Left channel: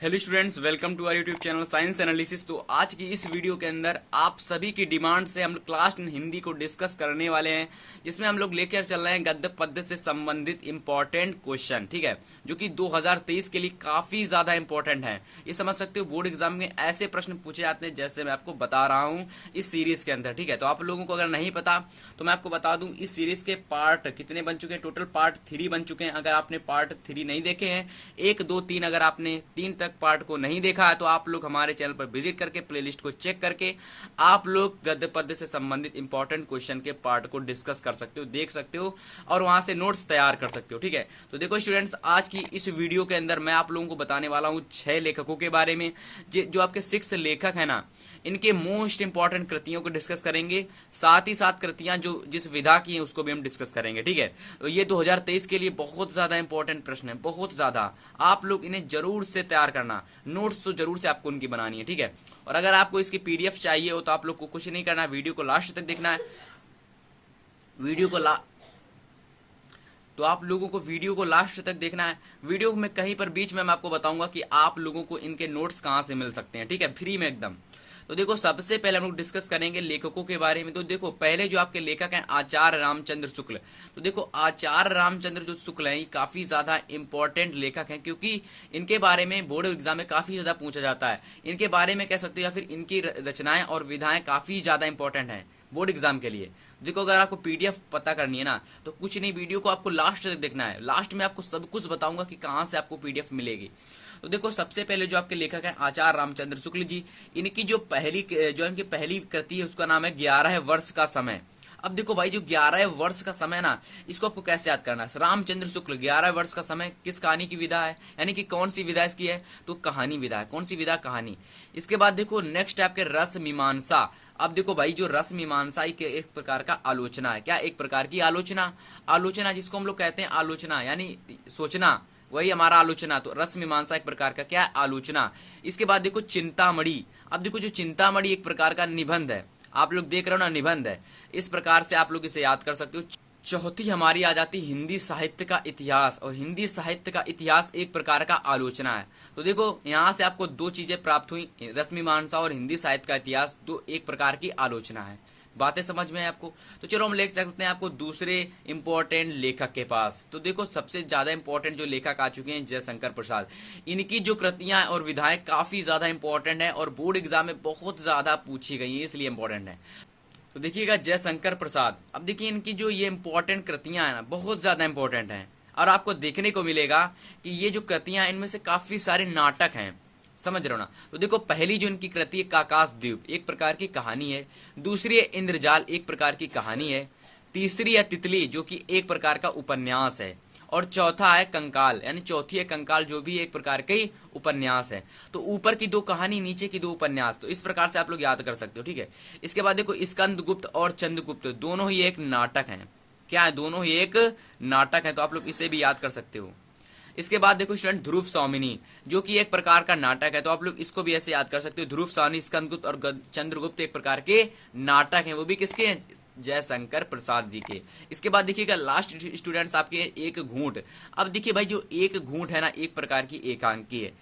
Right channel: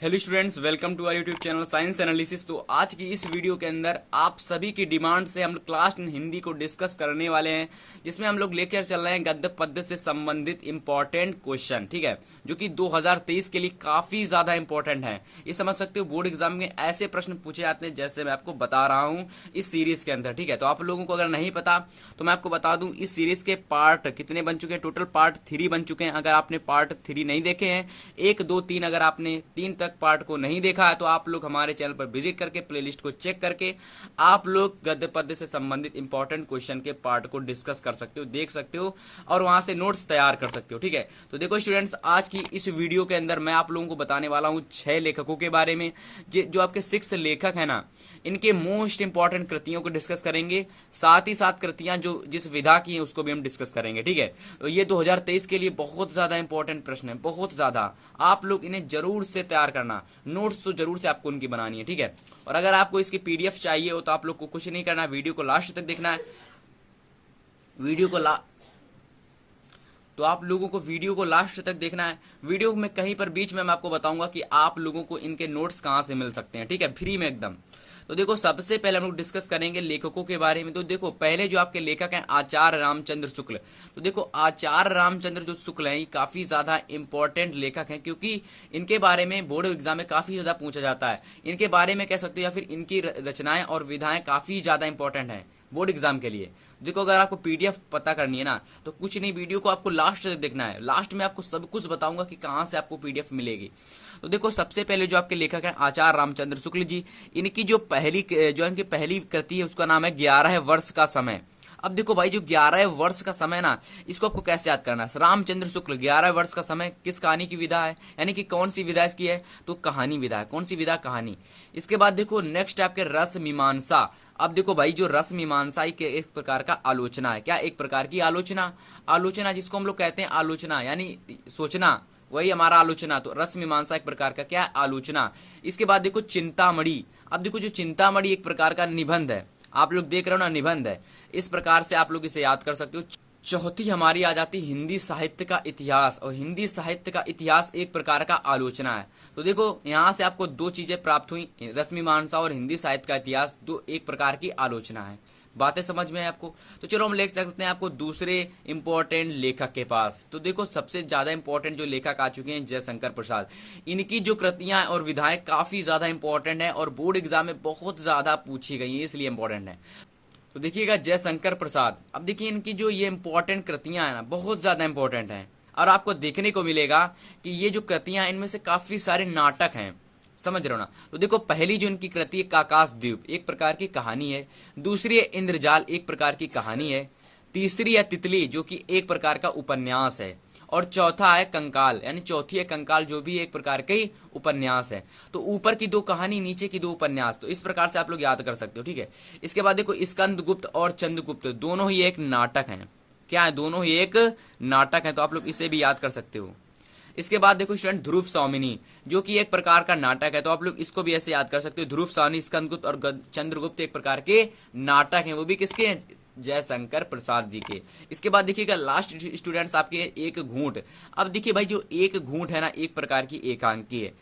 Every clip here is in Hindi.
Hello students, welcome to our YouTube channel Science Analysis. तो आज की इस वीडियो के अंदर आप सभी की डिमांड से हम लोग क्लास 10 हिंदी को डिस्कस करने वाले हैं, जिसमें हम लोग लेकर चल रहे हैं गद्य पद्य से संबंधित इंपॉर्टेंट क्वेश्चन। ठीक है, जो कि 2023 के लिए काफी ज्यादा इंपॉर्टेंट है। ये समझ सकते हो बोर्ड एग्जाम में ऐसे प्रश्न पूछे जाते हैं जैसे मैं आपको बता रहा हूँ इस सीरीज के अंदर। ठीक है, तो आप लोगों को अगर नहीं पता तो मैं आपको बता दूं इस सीरीज के पार्ट कितने बन चुके हैं। टोटल पार्ट 3 बन चुके हैं। अगर आपने पार्ट 3 नहीं देखे हैं, 1, 2, 3, अगर आपने 3 तक पार्ट को नहीं देखा है तो आप लोग हमारे चैनल पर विजिट करके प्लेलिस्ट को चेक करके आप लोग गद्य पद्य से संबंधित इंपॉर्टेंट क्वेश्चन के पार्ट को डिस्कस कर सकते हो, देख सकते हो और वहां से नोट्स तैयार कर सकते हो। ठीक है, तो देखो स्टूडेंट्स, आज की इस वीडियो के अंदर मैं आप लोगों को बताने वाला हूं 6 लेखकों के बारे में। जो आपके 6 लेखक है ना, इनके मोस्ट इंपॉर्टेंट कृतियों को डिस्कस करेंगे। साथ ही साथ कृतियां जो जिस विधा की हैं उसको भी हम डिस्कस करेंगे। ठीक है, तो ये 2023 के लिए बहुत ज्यादा इंपॉर्टेंट प्रश्न है, बहुत ज्यादा। आप लोग इन्हें जरूर से तैयार करना, नोट्स तो जरूर से आपको उनकी बनानी है। ठीक है, और अगर आपको इसकी पीडीएफ चाहिए हो तो आप लोग को कुछ नहीं करना है, वीडियो को लास्ट तक देखना है। वीडियो को तो आप लोगों को वीडियो को लास्ट तक देखना है। वीडियो में कहीं पर बीच में मैं आपको बताऊंगा कि आप लोगों को इनके नोट्स कहां से मिल सकते हैं। ठीक है, फ्री में एकदम। तो देखो, सबसे पहले हम लोग डिस्कस करेंगे लेखकों के बारे में। तो देखो, पहले जो आपके लेखक हैं आचार्य रामचंद्र शुक्ल। तो देखो, आचार्य रामचंद्र जो शुक्ल हैं, ये काफी ज्यादा इंपॉर्टेंट लेखक हैं, क्योंकि इनके बारे में बोर्ड एग्जाम में काफी ज्यादा पूछा जाता है। इनके बारे में कह सकते हो या फिर इनकी रचनाएं और विधाएं काफी ज्यादा इंपॉर्टेंट है बोर्ड एग्जाम के लिए। देखो, अगर आपको पीडीएफ पता करनी है ना, तो कुछ नहीं, वीडियो को आपको लास्ट तक देखना है। लास्ट में आपको सब कुछ बताऊंगा कि कहां से आपको पीडीएफ मिलेगी। तो देखो, सबसे पहले जो आपके लेखक हैं आचार्य रामचंद्र शुक्ल जी, इनकी जो इनकी पहली कृति है उसका नाम है 11 वर्ष का समय। अब देखो भाई, जो 11 वर्ष का समय ना, इसको आपको कैसे याद करना है। रामचंद्र शुक्ल 11 वर्ष का समय किस कहानी की विधा है, यानी कि कौन सी विधा इसकी है, तो कहानी विधा है। कौन सी विधा, कहानी। इसके बाद देखो नेक्स्ट आपके रस मीमांसा। अब देखो भाई, जो रस मीमांसा के एक प्रकार का आलोचना है। क्या, एक प्रकार की आलोचना। आलोचना जिसको हम लोग कहते हैं आलोचना, यानी सोचना, वही हमारा आलोचना। तो रस मीमांसा एक प्रकार का क्या है, आलोचना। इसके बाद देखो चिंतामणि। अब देखो, जो चिंतामणि एक प्रकार का निबंध है। आप लोग देख रहे हो ना, निबंध है। इस प्रकार से आप लोग इसे याद कर सकते हो। चौथी हमारी आ जाती हिंदी साहित्य का इतिहास, और हिंदी साहित्य का इतिहास एक प्रकार का आलोचना है। तो देखो, यहां से आपको 2 चीजें प्राप्त हुई, रश्मिमांसा और हिंदी साहित्य का इतिहास, 2 एक प्रकार की आलोचना है। बातें समझ में है आपको। तो चलो हम ले सकते हैं आपको दूसरे इंपॉर्टेंट लेखक के पास। तो देखो, सबसे ज्यादा इंपॉर्टेंट जो लेखक आ चुके हैं जयशंकर प्रसाद। इनकी जो कृतियां और विधाएं काफी ज्यादा इंपॉर्टेंट है और बोर्ड एग्जाम में बहुत ज्यादा पूछी गई है, इसलिए इंपॉर्टेंट है। तो देखिएगा, जयशंकर प्रसाद। अब देखिए, इनकी जो ये इंपॉर्टेंट कृतियां है ना, बहुत ज्यादा इंपॉर्टेंट हैं। और आपको देखने को मिलेगा कि ये जो कृतियां, इनमें से काफी सारे नाटक हैं। समझ रहे हो ना। तो देखो, पहली जो इनकी कृति है काकाश द्वीप, एक प्रकार की कहानी है। दूसरी है इंद्रजाल, एक प्रकार की कहानी है। तीसरी है तितली, जो कि एक प्रकार का उपन्यास है। और चौथा है कंकाल, यानी चौथी है कंकाल, जो भी एक प्रकार के उपन्यास है। तो ऊपर की 2 कहानी, नीचे की 2 उपन्यास। तो इस प्रकार से आप लोग याद कर सकते हो। ठीक है, इसके बाद देखो स्कंदगुप्त और चंद्रगुप्त, दोनों ही एक नाटक हैं। क्या है, दोनों ही एक नाटक है। तो आप लोग इसे भी याद कर सकते हो। इसके बाद देखो स्टूडेंट ध्रुव स्वामिनी, जो कि एक प्रकार का नाटक है। तो आप लोग इसको भी ऐसे याद कर सकते हो। ध्रुव स्वामिनी, स्कंदगुप्त और चंद्रगुप्त एक प्रकार के नाटक हैं, वो भी किसके हैं, जयशंकर प्रसाद जी के। इसके बाद देखिएगा लास्ट स्टूडेंट्स आपके लिए एक घूंट। अब देखिए भाई, जो एक घूंट है ना, एक प्रकार की एकांकी है।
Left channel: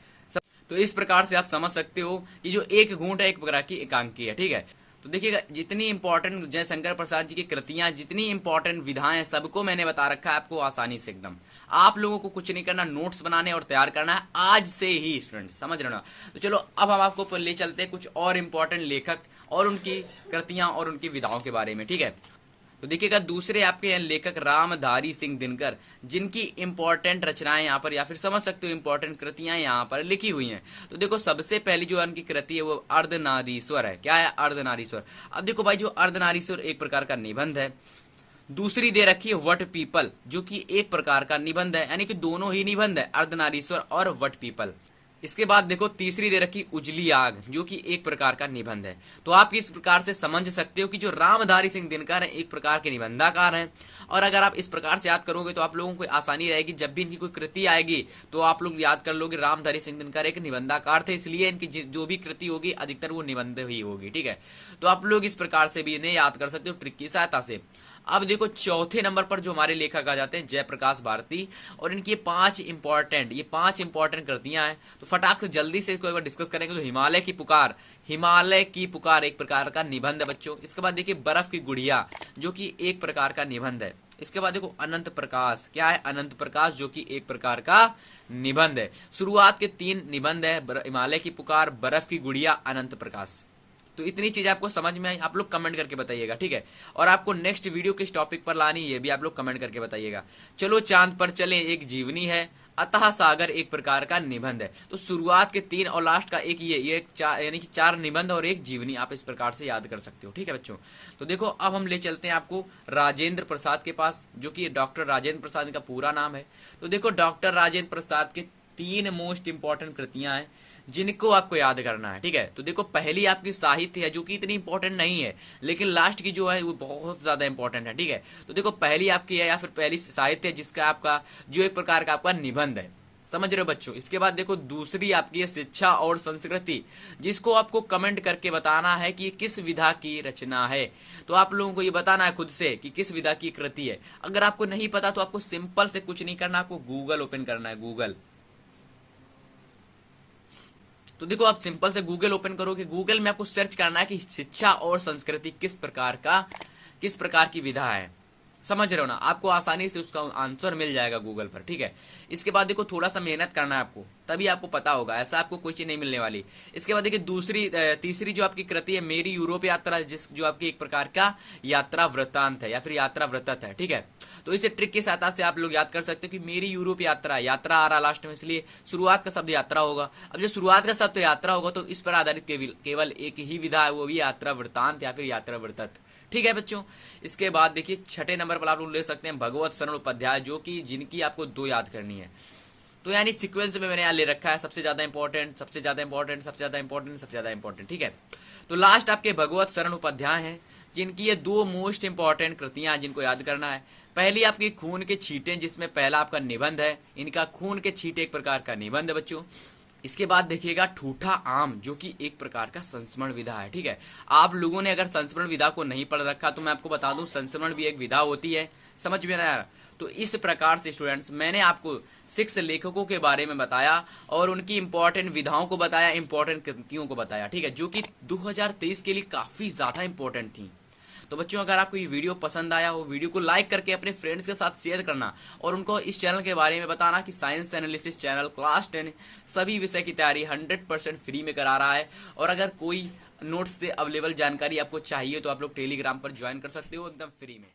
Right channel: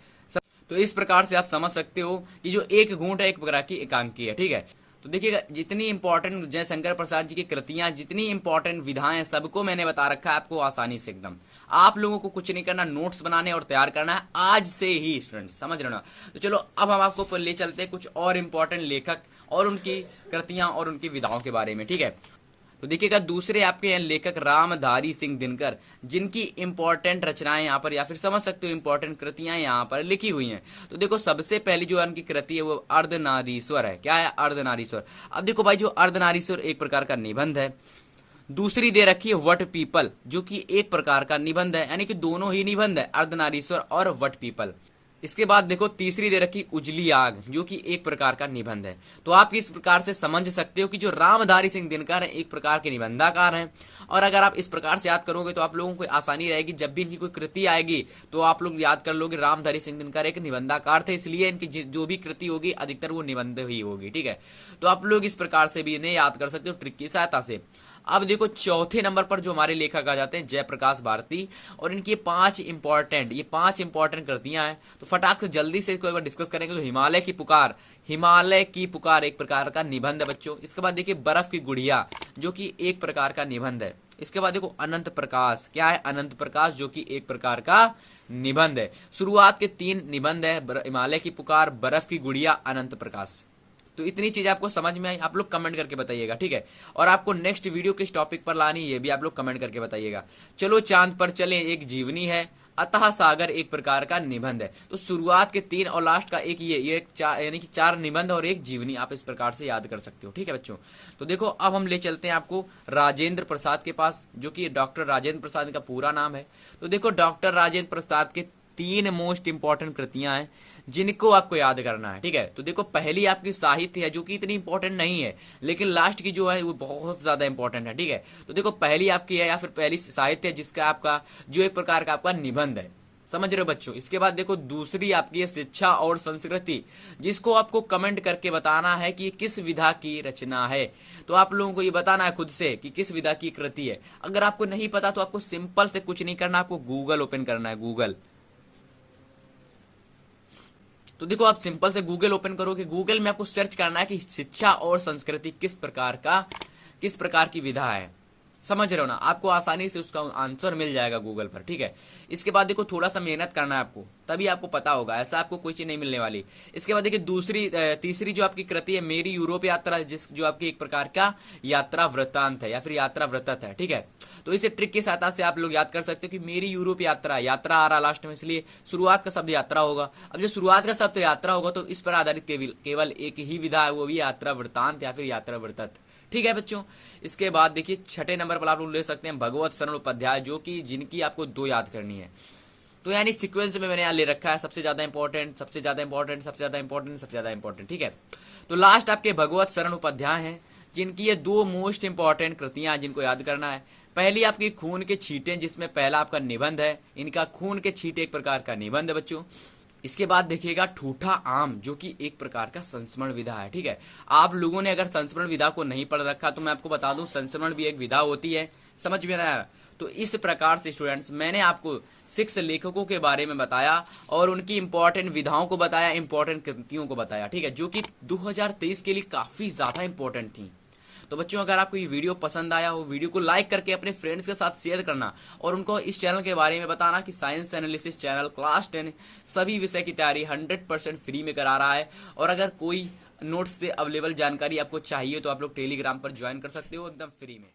तो इस प्रकार से आप समझ सकते हो कि जो एक घूंट है एक प्रकार की एकांकी है। ठीक है, तो देखिएगा, जितनी इंपॉर्टेंट जयशंकर प्रसाद जी की कृतियां, जितनी इंपॉर्टेंट विधाएं, सबको मैंने बता रखा है आपको आसानी से एकदम। आप लोगों को कुछ नहीं करना, नोट्स बनाने और तैयार करना है आज से ही स्टूडेंट्स, समझ रहे हो ना। तो चलो अब हम आपको ले चलते हैं कुछ और इंपॉर्टेंट लेखक और उनकी कृतियां और उनकी विधाओं के बारे में। ठीक है, तो देखिएगा, दूसरे आपके हैं लेखक रामधारी सिंह दिनकर, जिनकी इंपॉर्टेंट रचनाएं यहाँ पर या फिर समझ सकते हो इंपॉर्टेंट कृतियां यहाँ पर लिखी हुई हैं। तो देखो, सबसे पहली जो उनकी कृति है वो अर्धनारीश्वर है। क्या है, अर्धनारीश्वर। अब देखो भाई, जो अर्धनारीश्वर एक प्रकार का निबंध है। दूसरी दे रखी है वट पीपल, जो कि एक प्रकार का निबंध है, यानी कि दोनों ही निबंध है, अर्धनारीश्वर और वट पीपल। इसके बाद देखो, तीसरी दे रखी उजली आग, जो कि एक प्रकार का निबंध है। तो आप इस प्रकार से समझ सकते हो कि जो रामधारी सिंह दिनकर है एक प्रकार के निबंधाकार हैं। और अगर आप इस प्रकार से याद करोगे तो आप लोगों को आसानी रहेगी, जब भी इनकी कोई कृति आएगी तो आप लोग याद कर लोगे रामधारी सिंह दिनकर एक निबंधाकार थे, इसलिए इनकी जो भी कृति होगी अधिकतर वो निबंध ही होगी। ठीक है, तो आप लोग इस प्रकार से भी इन्हें याद कर सकते हो ट्रिक की सहायता से। अब देखो चौथे नंबर पर जो हमारे लेखक आ जाते हैं जयप्रकाश भारती, और इनकी ये पांच इंपॉर्टेंट कृतियां हैं। तो फटाक से जल्दी से इसको एक बार डिस्कस करेंगे। तो हिमालय की पुकार एक प्रकार का निबंध है बच्चों। इसके बाद देखिए बर्फ की गुड़िया, जो कि एक प्रकार का निबंध है। इसके बाद देखो अनंत प्रकाश, क्या है? अनंत प्रकाश, जो कि एक प्रकार का निबंध है। शुरुआत के 3 निबंध है, हिमालय की पुकार, बर्फ की गुड़िया, अनंत प्रकाश। तो इतनी चीज आपको समझ में आई? आप लोग कमेंट करके बताइएगा, ठीक है। और आपको नेक्स्ट वीडियो किस टॉपिक पर लानी, ये भी आप लोग कमेंट करके बताइएगा। चलो चांद पर चले एक जीवनी है, अतः सागर एक प्रकार का निबंध है। तो शुरुआत के 3 और लास्ट का एक ये यानी कि 4 निबंध और एक जीवनी, आप इस प्रकार से याद कर सकते हो, ठीक है बच्चों। तो देखो अब हम ले चलते हैं आपको राजेंद्र प्रसाद के पास, जो कि डॉक्टर राजेंद्र प्रसाद का पूरा नाम है। तो देखो डॉक्टर राजेंद्र प्रसाद के 3 मोस्ट इंपॉर्टेंट कृतियां हैं जिनको आपको याद करना है, ठीक है। तो देखो पहली आपकी साहित्य है, जो कि इतनी इंपॉर्टेंट नहीं है, लेकिन लास्ट की जो है वो बहुत ज्यादा इंपॉर्टेंट है, ठीक है। तो देखो पहली आपकी है, या फिर पहली साहित्य है जिसका आपका जो एक प्रकार का आपका निबंध है, समझ रहे हो बच्चों। इसके बाद देखो दूसरी आपकी है शिक्षा और संस्कृति, जिसको आपको कमेंट करके बताना है कि किस विधा की रचना है। तो आप लोगों को ये बताना है खुद से कि किस विधा की कृति है। अगर आपको नहीं पता तो आपको सिंपल से कुछ नहीं करना, आपको गूगल ओपन करना है, गूगल। तो देखो आप सिंपल से गूगल ओपन करोगे, गूगल में आपको सर्च करना है कि शिक्षा और संस्कृति किस प्रकार की विधा है, समझ रहे हो ना। आपको आसानी से उसका आंसर मिल जाएगा गूगल पर, ठीक है। इसके बाद देखो थोड़ा सा मेहनत करना है आपको, तभी आपको पता होगा, ऐसा आपको कोई चीज नहीं मिलने वाली। इसके बाद देखिए तीसरी जो आपकी कृति है मेरी यूरोप यात्रा, जो आपकी एक प्रकार का यात्रा वृत्तांत है या फिर यात्रा वृत्त है, ठीक है। तो इसे ट्रिक की सहायता से आप लोग याद कर सकते हैं कि मेरी यूरोप यात्रा आ रहा लास्ट में, इसलिए शुरुआत का शब्द यात्रा होगा। अब जब शुरुआत का शब्द यात्रा होगा तो इस पर आधारित केवल एक ही विधा है, वो भी यात्रा वृत्तांत या फिर यात्रा वृत्त, ठीक है बच्चों। इसके बाद देखिए छठे नंबर पर आप लोग ले सकते हैं भगवत शरण उपाध्याय, जो कि जिनकी आपको 2 याद करनी है। तो यानी सीक्वेंस में मैंने यहाँ ले रखा है सबसे ज्यादा इंपॉर्टेंट, सबसे ज्यादा इंपॉर्टेंट, सबसे ज्यादा इंपॉर्टेंट, सबसे ज्यादा इंपॉर्टेंट, ठीक है। तो लास्ट आपके भगवत शरण उपाध्याय हैं, जिनकी ये 2 मोस्ट इंपॉर्टेंट कृतियां जिनको याद करना है। पहली आपकी खून के छींटे, जिसमें पहला आपका निबंध है, इनका खून के छींटे एक प्रकार का निबंध है बच्चों। इसके बाद देखिएगा ठूठा आम, जो कि एक प्रकार का संस्मरण विधा है, ठीक है। आप लोगों ने अगर संस्मरण विधा को नहीं पढ़ रखा तो मैं आपको बता दूं, संस्मरण भी एक विधा होती है, समझ में आया। तो इस प्रकार से स्टूडेंट्स मैंने आपको 6 लेखकों के बारे में बताया और उनकी इंपॉर्टेंट विधाओं को बताया, इंपॉर्टेंट कृतियों को बताया, ठीक है, जो कि 2023 के लिए काफी ज्यादा इंपॉर्टेंट थी। तो बच्चों अगर आपको ये वीडियो पसंद आया हो, वीडियो को लाइक करके अपने फ्रेंड्स के साथ शेयर करना और उनको इस चैनल के बारे में बताना कि साइंस एनालिसिस चैनल क्लास 10 सभी विषय की तैयारी 100% फ्री में करा रहा है। और अगर कोई नोट्स से अवेलेबल जानकारी आपको चाहिए तो आप लोग टेलीग्राम पर ज्वाइन कर सकते हो एकदम फ्री में।